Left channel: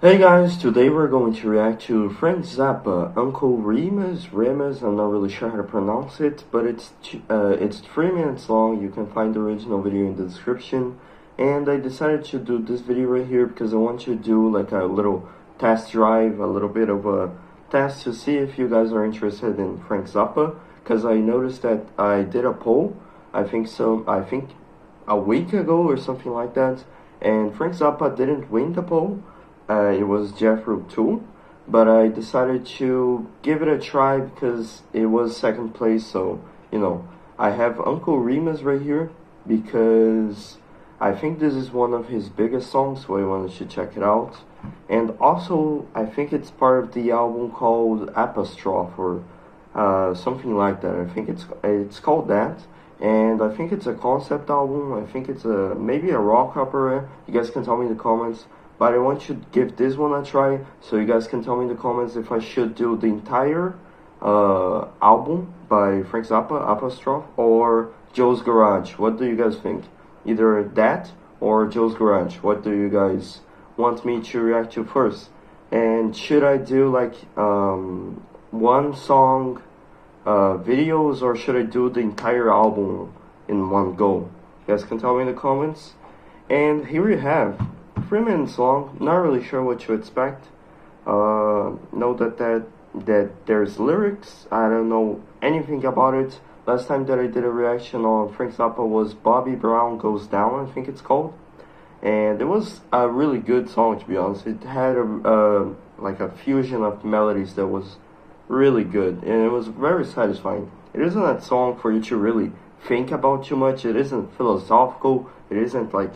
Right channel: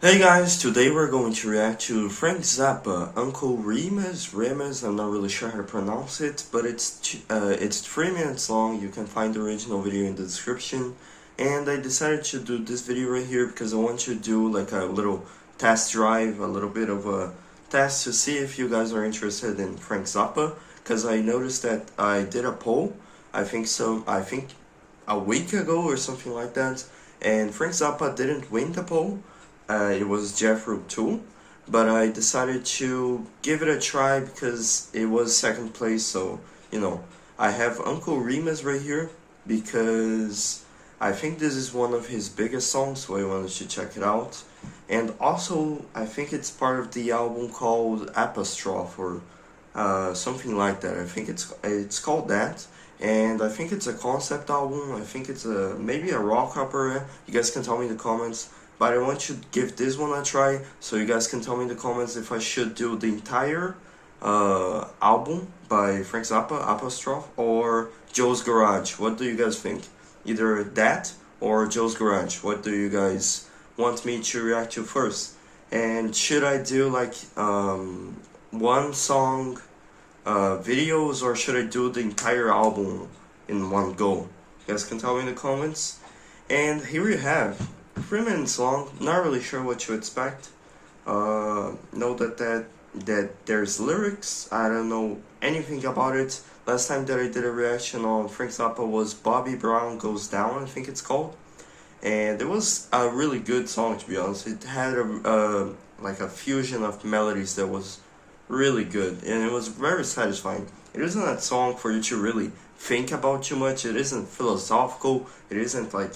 Hey guys, today we're going to react to Frank Zappa, Uncle Remus, I'm not really sure how to pronounce it, but it's 3 minutes long. You can find the original video in the description. And I decided to do this video right here because I want to do like a little test drive, a little bit of a test to see if you guys are interested in Frank Zappa, because I noticed that I did a poll, I think a week ago or something like that, and Frank Zappa didn't win the poll. It was Jethro too, but I decided to give it a try because it was second place. So I have Uncle Remus right here because I think this is one of his biggest songs, so I wanted to check it out. And also, I think it's part of the album called Apostrophe or something like that. I think it's called that, and I think it's a concept album. I think it's maybe a rock opera. You guys can tell me in the comments. But I want to give this one a try, so you guys can tell me in the comments if I should do the entire album by Frank Zappa, Apostrophe, or Joe's Garage. What do you guys think? Either that or Joe's Garage. What do you guys want me to react to first? And should I do like one song videos, or should I do the entire album in one go? You guys can tell me in the comments. And here you have 3 minutes long. Not really sure what to expect. Know that there's lyrics. I don't know anything about it. Last time that I did a reaction on Frank Zappa was Bobby Brown Goes Down, I think it's called, and it was a really good song, to be honest. It had a like a fusion of melodies that was really good, and it was very satisfying. It isn't a song for you to really think about too much. It isn't philosophical. It isn't like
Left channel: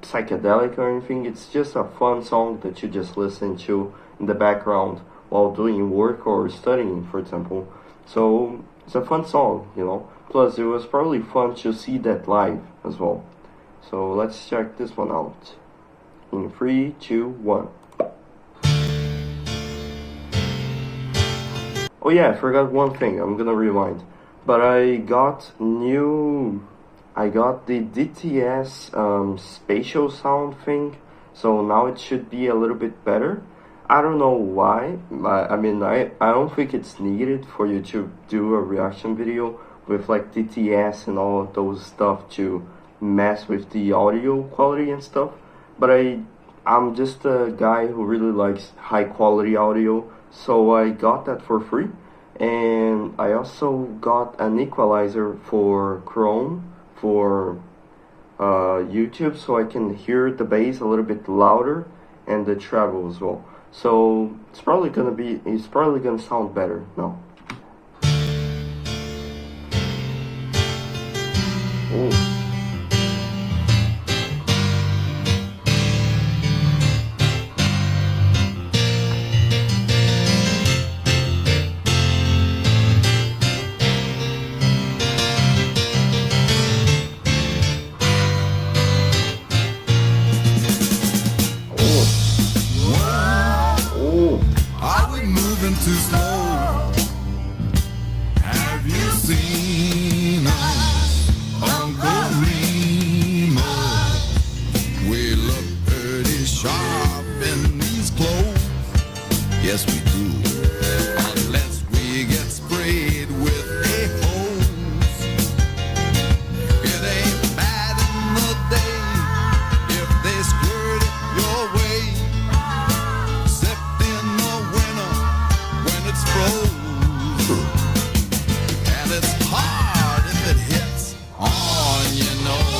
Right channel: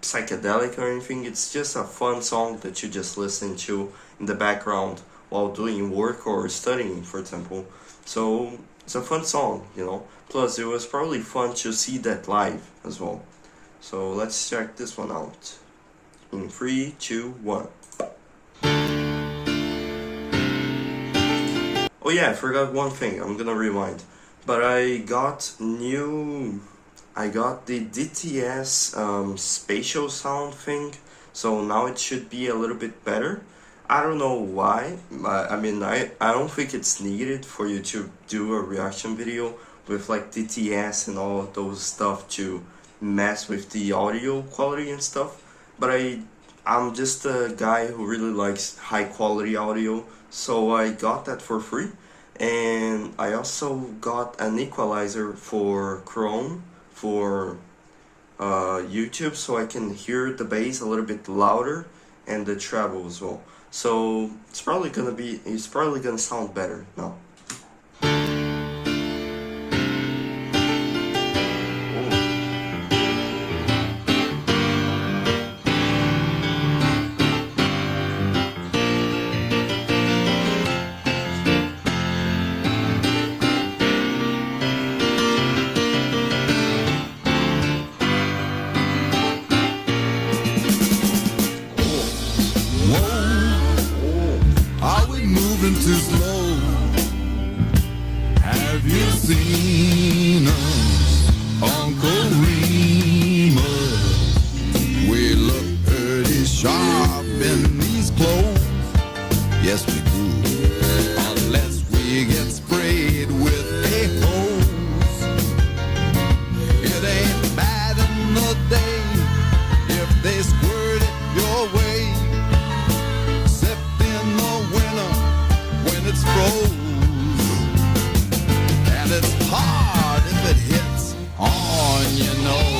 psychedelic or anything. It's just a fun song that you just listen to in the background while doing work or studying, for example. So it's a fun song. Plus, it was probably fun to see that live as well. So let's check this one out. In 3, 2, 1. Oh yeah, I forgot one thing. I'm gonna rewind. But I got the DTS spatial sound thing, so now it should be a little bit better. I don't know why. I don't think it's needed for you to do a reaction video with like DTS and all of those stuff to mess with the audio quality and stuff. But I'm just a guy who really likes high quality audio, so I got that for free. And I also got an equalizer for Chrome for YouTube, so I can hear the bass a little bit louder and the treble as well. So it's probably gonna sound better now. Ooh. Moving too slow. Have you seen us, Uncle Remus? We look pretty sharp in these clothes. Yes, we do. Unless we get sprayed with a hose. It ain't bad in the day if they squirt it your way. It's froze, and it's hard if it hits on your nose.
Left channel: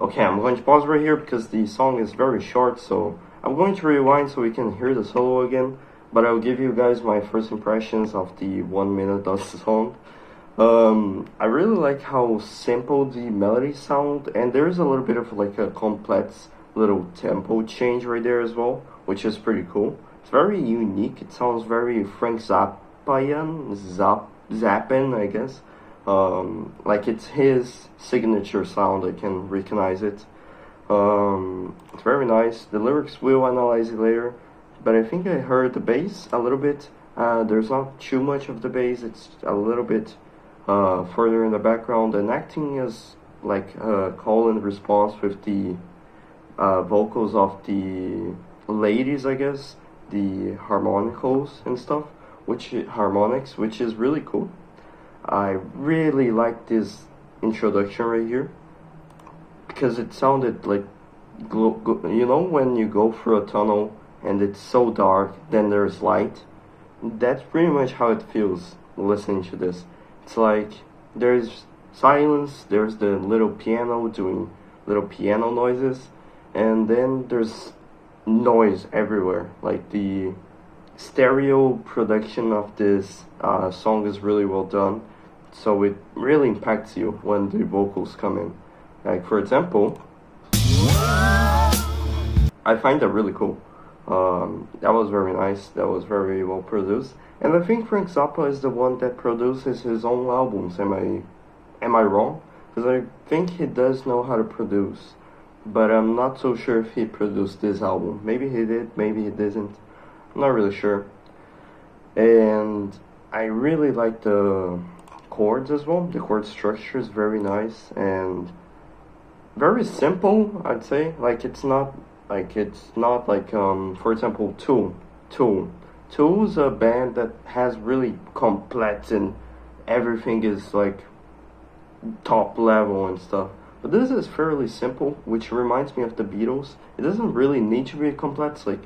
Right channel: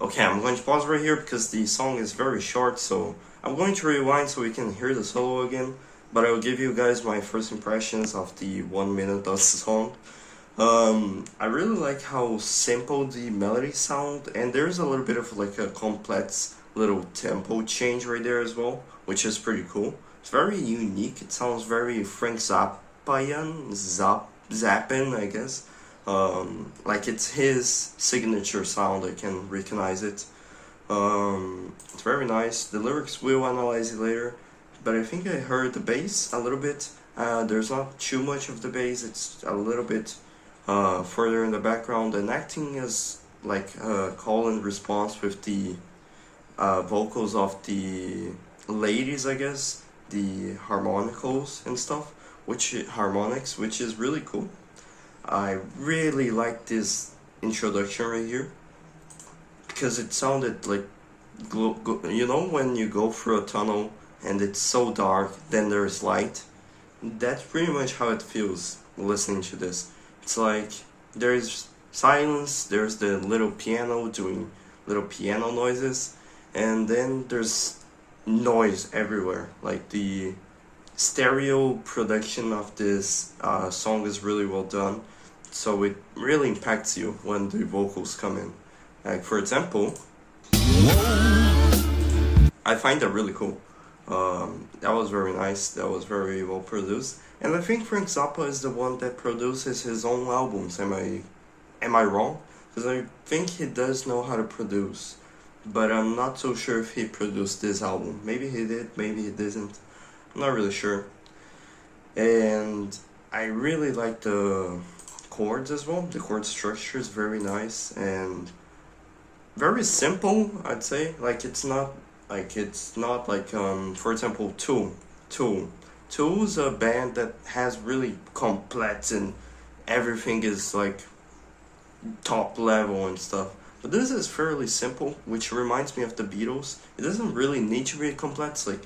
Okay, I'm going to pause right here because the song is very short, so I'm going to rewind so we can hear the solo again, but I will give you guys my first impressions of the 1 minute of the song. I really like how simple the melodies sound, and there's a little bit of like a complex little tempo change right there as well, which is pretty cool. It's very unique. It sounds very Frank Zappian, zeppelin, I guess. Like it's his signature sound. I can recognize it. It's very nice. The lyrics will analyze it later, but I think I heard the bass a little bit. There's not too much of the bass. It's a little bit further in the background, and acting is like call and response with the vocals of the ladies, I guess, the harmonicals and stuff, harmonics, which is really cool. I really like this introduction right here because it sounded like, you know, when you go through a tunnel and it's so dark, then there's light. That's pretty much how it feels listening to this. It's like there's silence, there's the little piano doing little piano noises, and then there's noise everywhere. Like the stereo production of this song is really well done, so it really impacts you when the vocals come in. Like for example, I find that really cool. That was very nice, that was very well produced, and I think Frank Zappa is the one that produces his own albums. Am I wrong? Because I think he does know how to produce, but I'm not so sure if he produced this album. Maybe he did, maybe he didn't. I'm not really sure. And I really like the chords as well. The chord structure is very nice and very simple, I'd say. Like it's not like for example Tull's a band that has really complex and everything is like top level and stuff. But this is fairly simple, which reminds me of the Beatles. It doesn't really need to be complex, like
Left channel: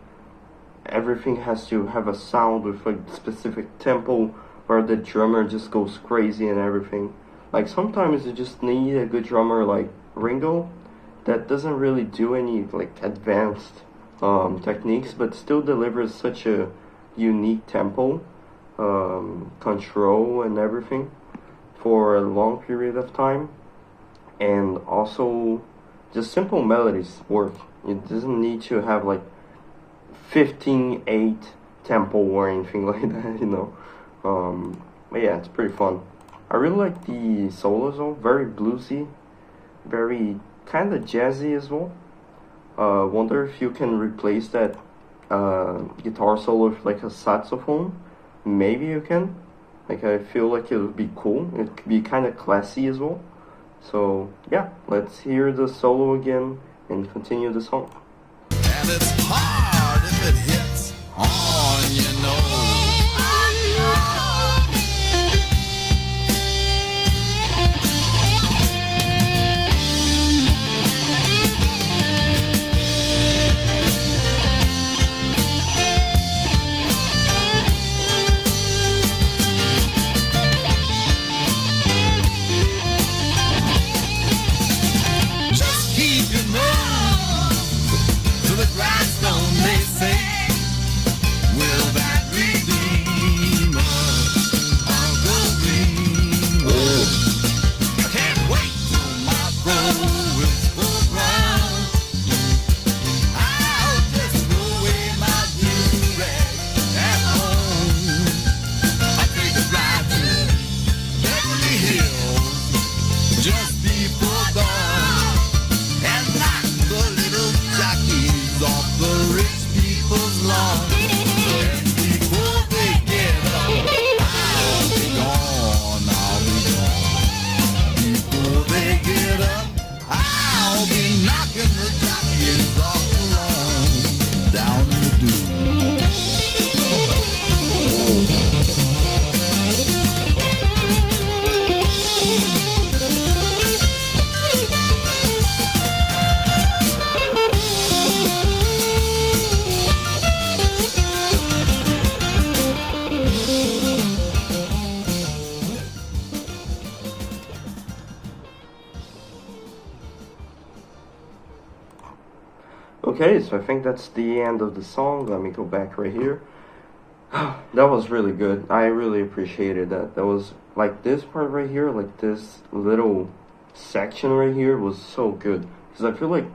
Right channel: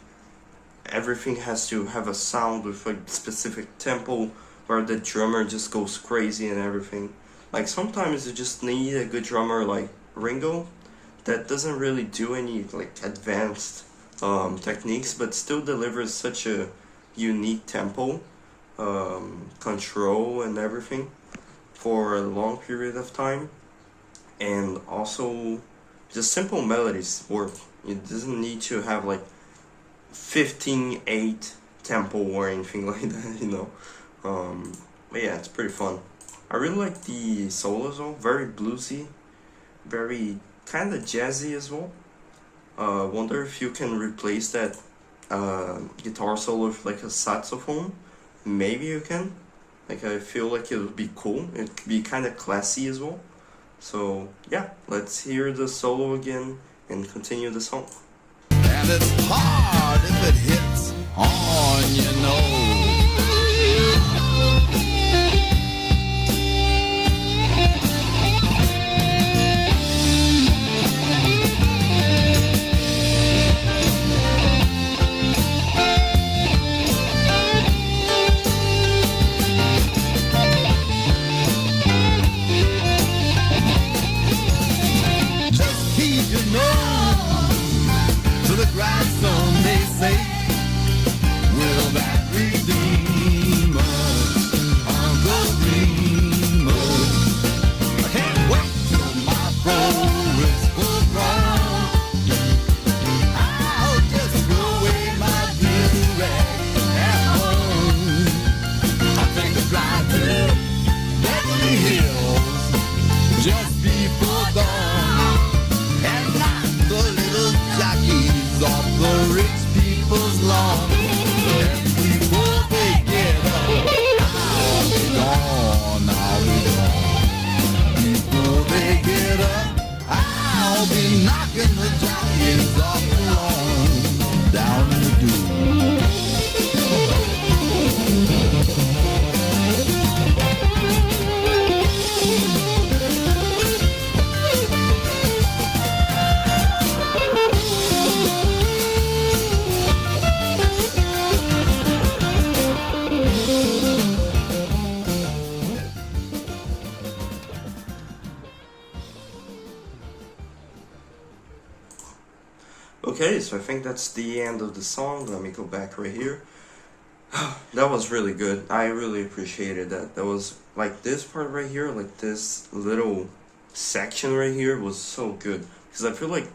everything has to have a sound with a specific tempo where the drummer just goes crazy and everything. Like sometimes you just need a good drummer like Ringo that doesn't really do any like advanced techniques, but still delivers such a unique tempo, control and everything for a long period of time. And also just simple melodies work. It doesn't need to have like 15/8 tempo or anything like that, you know. But yeah, it's pretty fun. I really like the solos though, very bluesy, very kind of jazzy as well. Wonder if you can replace that guitar solo with like a saxophone. Maybe you can. Like I feel like it would be cool. It could be kind of classy as well. So yeah, let's hear the solo again and continue the song. And it's hard if it hits on your nose. Grindstone, they say, will that redeem us, Uncle Remus? I can't wait till my bro is full grown. I'll just throw away my do-rag at home. I'll take the drive to Beverly Hills just before dawn and knock the little jockeys off the rich people's lawn. And before they get up, I'll be gone, I'll be gone. Before they get up, I'll be knocking the jockeys off the lawn, down in the dew. Okay, so I think that's the end of the song. Let me go back right here. That was really good. I really appreciated that. That was like this part right here, like this little section right here was so good. Because I feel like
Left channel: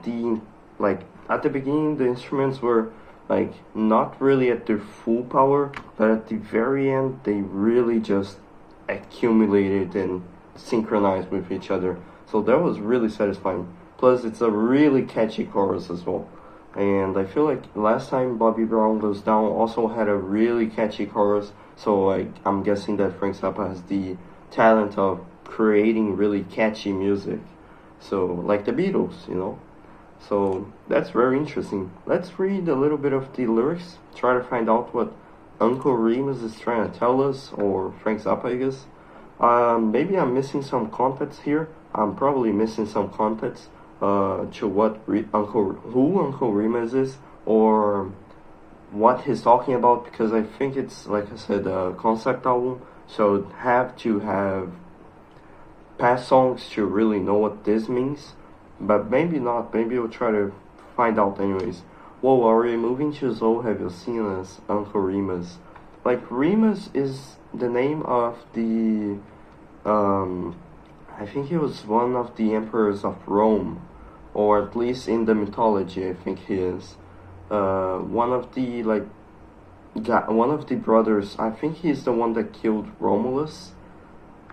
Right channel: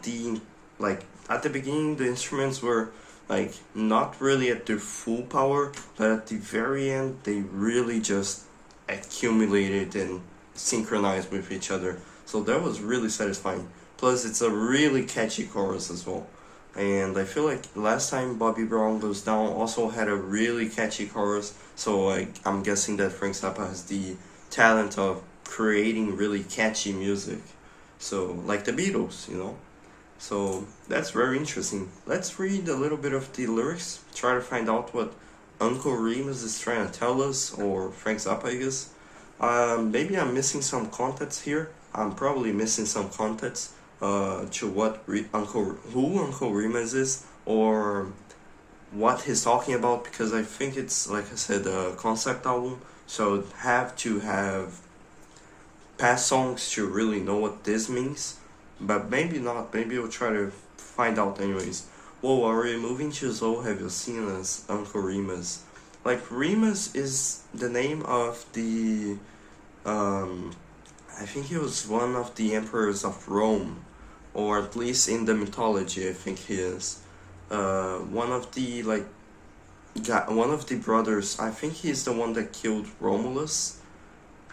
at the beginning the instruments were like not really at their full power, but at the very end they really just accumulated and synchronized with each other. So that was really satisfying. Plus, it's a really catchy chorus as well. And I feel like last time Bobby Brown Goes Down also had a really catchy chorus. So like, I'm guessing that Frank Zappa has the talent of creating really catchy music. So like the Beatles, you know. So that's very interesting. Let's read a little bit of the lyrics. Try to find out what Uncle Remus is trying to tell us, or Frank Zappa, I guess. Maybe I'm missing some context here. I'm probably missing some context to what Uncle Remus is, or what he's talking about, because I think it's, like I said, a concept album, so I'd have to have past songs to really know what this means, but maybe not. Maybe we'll try to find out anyways. Whoa, are we moving to Zoe? Have you seen us, Uncle Remus? Like, Remus is the name of the, I think he was one of the emperors of Rome, or at least in the mythology, I think he is. One of the, like, one of the brothers, I think he's the one that killed Romulus,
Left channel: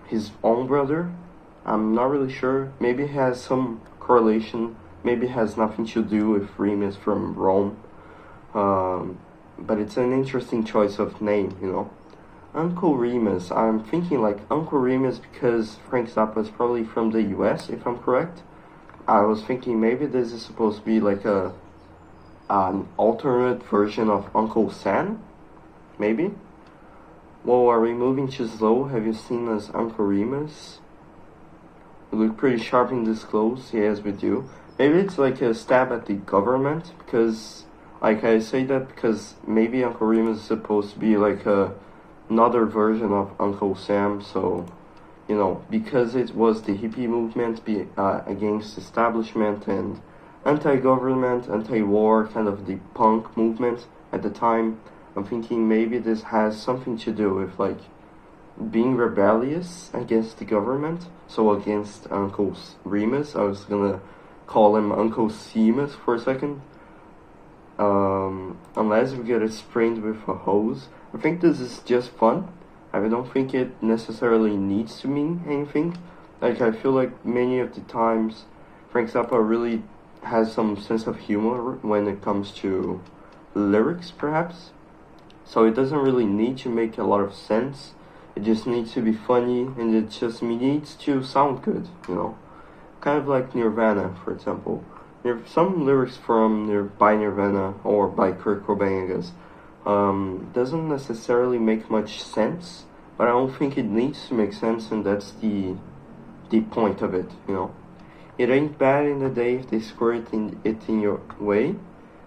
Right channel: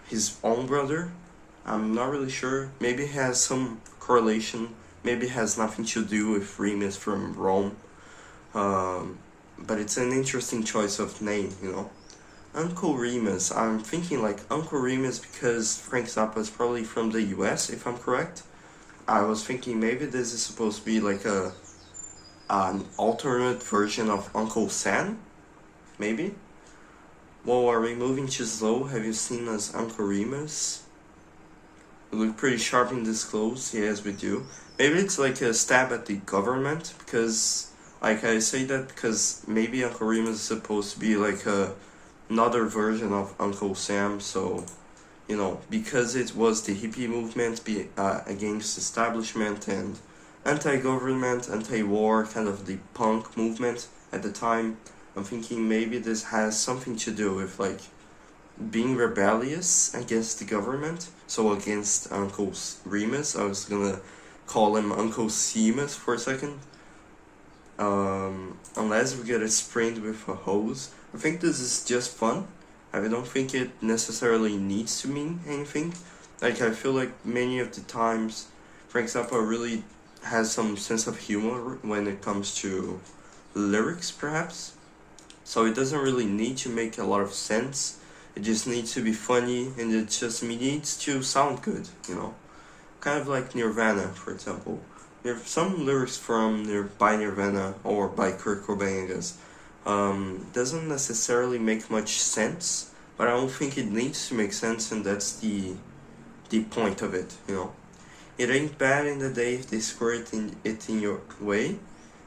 his own brother. I'm not really sure. Maybe it has some correlation. Maybe it has nothing to do with Remus from Rome. But it's an interesting choice of name, you know. Uncle Remus. I'm thinking like Uncle Remus because Frank Zappa is probably from the US, if I'm correct. I was thinking maybe this is supposed to be like an alternate version of Uncle Sam, maybe. Whoa, are we moving too slow? Have you seen us, Uncle Remus? We look pretty sharp in this clothes. Yes, we do. Maybe it's like a stab at the government, because, like, I say that because maybe Uncle Remus is supposed to be like another version of Uncle Sam, so, you know, because it was the hippie movement against establishment and anti-government, anti-war, kind of the punk movement at the time. I'm thinking maybe this has something to do with, like, being rebellious against the government. So against Uncle Remus, I was gonna call him Uncle Seamus for a second. Unless we get it sprained with a hose. I think this is just fun. I don't think it necessarily needs to mean anything. Like, I feel like many of the times Frank Zappa really has some sense of humor when it comes to lyrics, perhaps. So it doesn't really need to make a lot of sense. It just needs to be funny, and it just needs to sound good, you know? Kind of like Nirvana, for example. Some lyrics by Nirvana, or by Kurt Cobain, I guess, doesn't necessarily make much sense, but I don't think it needs to make sense, and that's the point of it, you know? It ain't bad in the day if they squirt it in your way,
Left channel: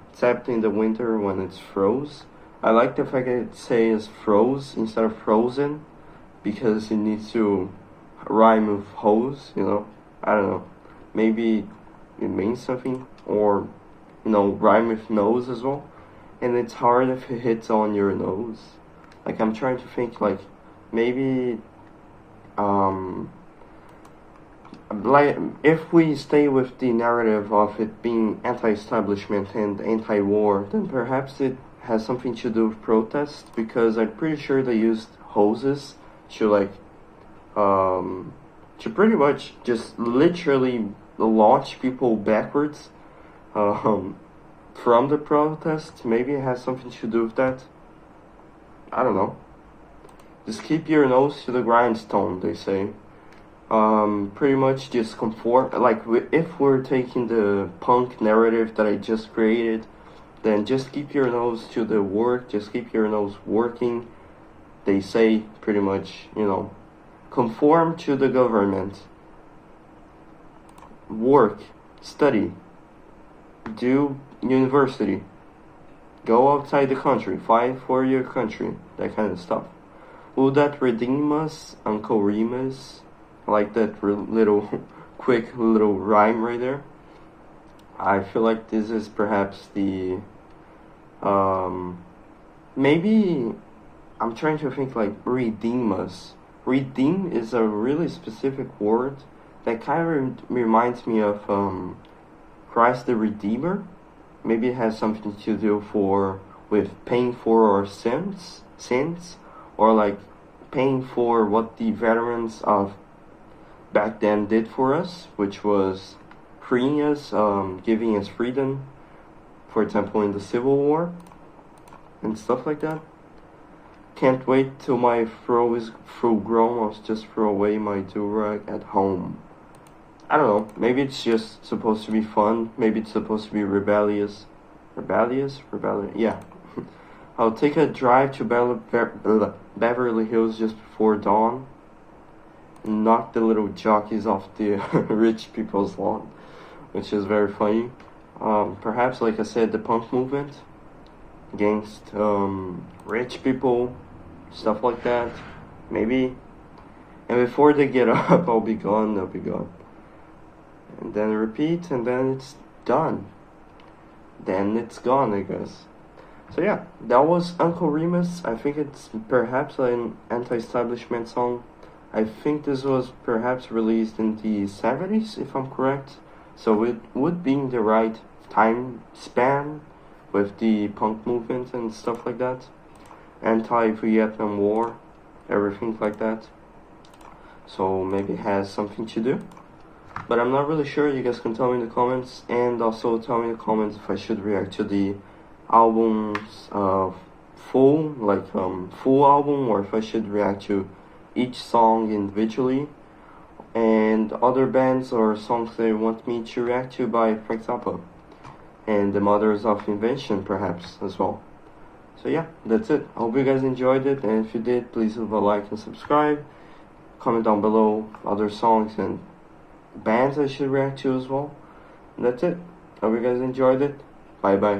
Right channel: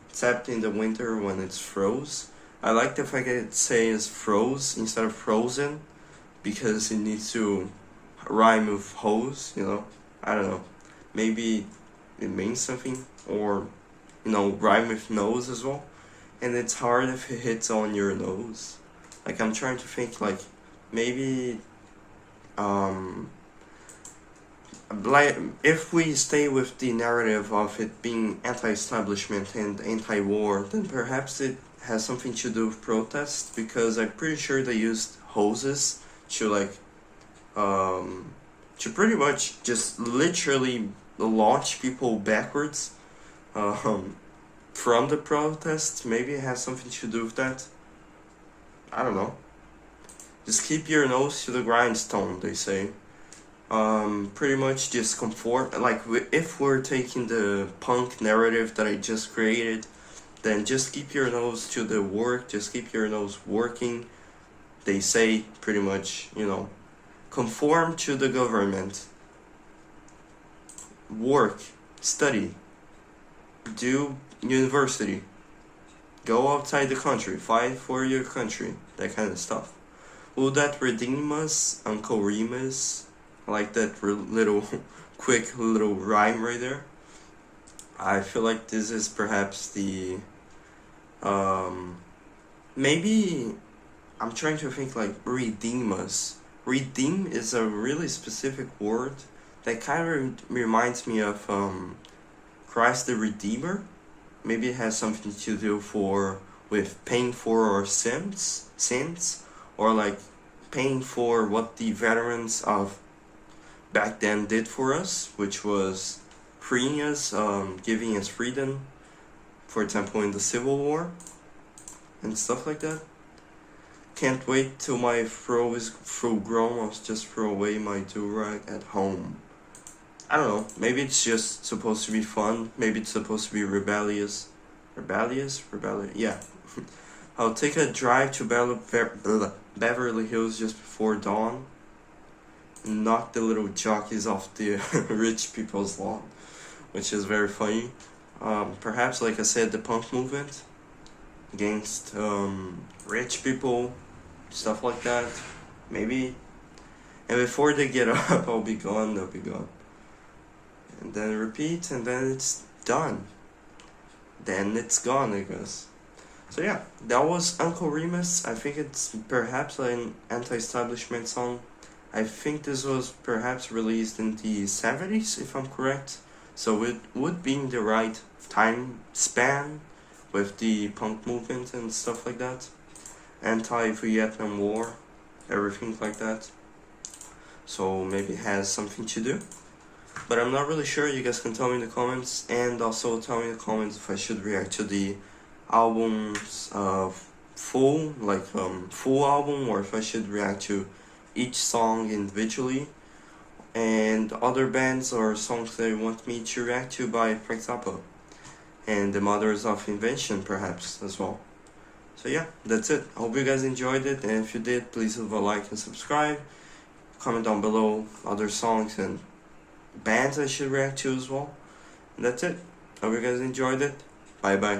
except in the winter when it's froze. I like the fact that it says froze instead of frozen, because it needs to rhyme with hose, you know? I don't know. Maybe it means something, or, you know, rhyme with nose as well. And it's hard if it hits on your nose. Like, I'm trying to think, like, maybe, like, if we stay with the narrative of it being anti-establishment and anti-war, then perhaps it has something to do with protest, because I'm pretty sure they used hoses to, like, to pretty much just literally launch people backwards from the protests. Maybe it has something to do with that. I don't know. Just keep your nose to the grindstone, they say. Pretty much just conform. Like, if we're taking the punk narrative that I just created, then just keep your nose to the work. Just keep your nose working. They say pretty much, you know, conform to the government. Work, study, do university, go outside the country, fight for your country, that kind of stuff. Will that redeem us, Uncle Remus? I like that little, quick little rhyme right there. I feel like this is perhaps the, maybe, I'm trying to think, like, redeem us. Redeem is a really specific word that kind of reminds me of Christ the Redeemer. Maybe it has something to do with paying for our sins, or like paying for what the veterans of back then did for us, which was freeing us, giving us freedom, for example in the Civil War and stuff like that. Can't wait till my fro is full grown. I'll just throw away my do-rag at home. I don't know, maybe it's just supposed to be fun, maybe it's supposed to be rebellious, yeah. I'll take a drive to Beverly Hills just before dawn and knock the little jockeys off the rich people's lawn, which is very funny. Perhaps, like I said, the punk movement against rich people, stuff like that, maybe. And before they get up, I'll be gone. And then repeat, and then it's done. Then it's gone, I guess. So yeah, that was Uncle Remus. I think it's perhaps an anti-establishment song. I think this was perhaps released in the 70s, if I'm correct. So it would be in the right time span with the punk movement and stuff like that. Anti-Vietnam War, everything like that. So maybe it has something to do. But I'm not really sure. You guys can tell me in the comments. And also tell me in the comments if I should react to the album's full album, or if I should react to each song individually, and other bands or songs they want me to react to by, for example, and the Mothers of Invention perhaps as well. So yeah, that's it. I hope you guys enjoyed it, and if you did, please leave a like and subscribe. Comment down below other songs and bands I should react to as well. And that's it. Hope you guys enjoyed it. Bye bye.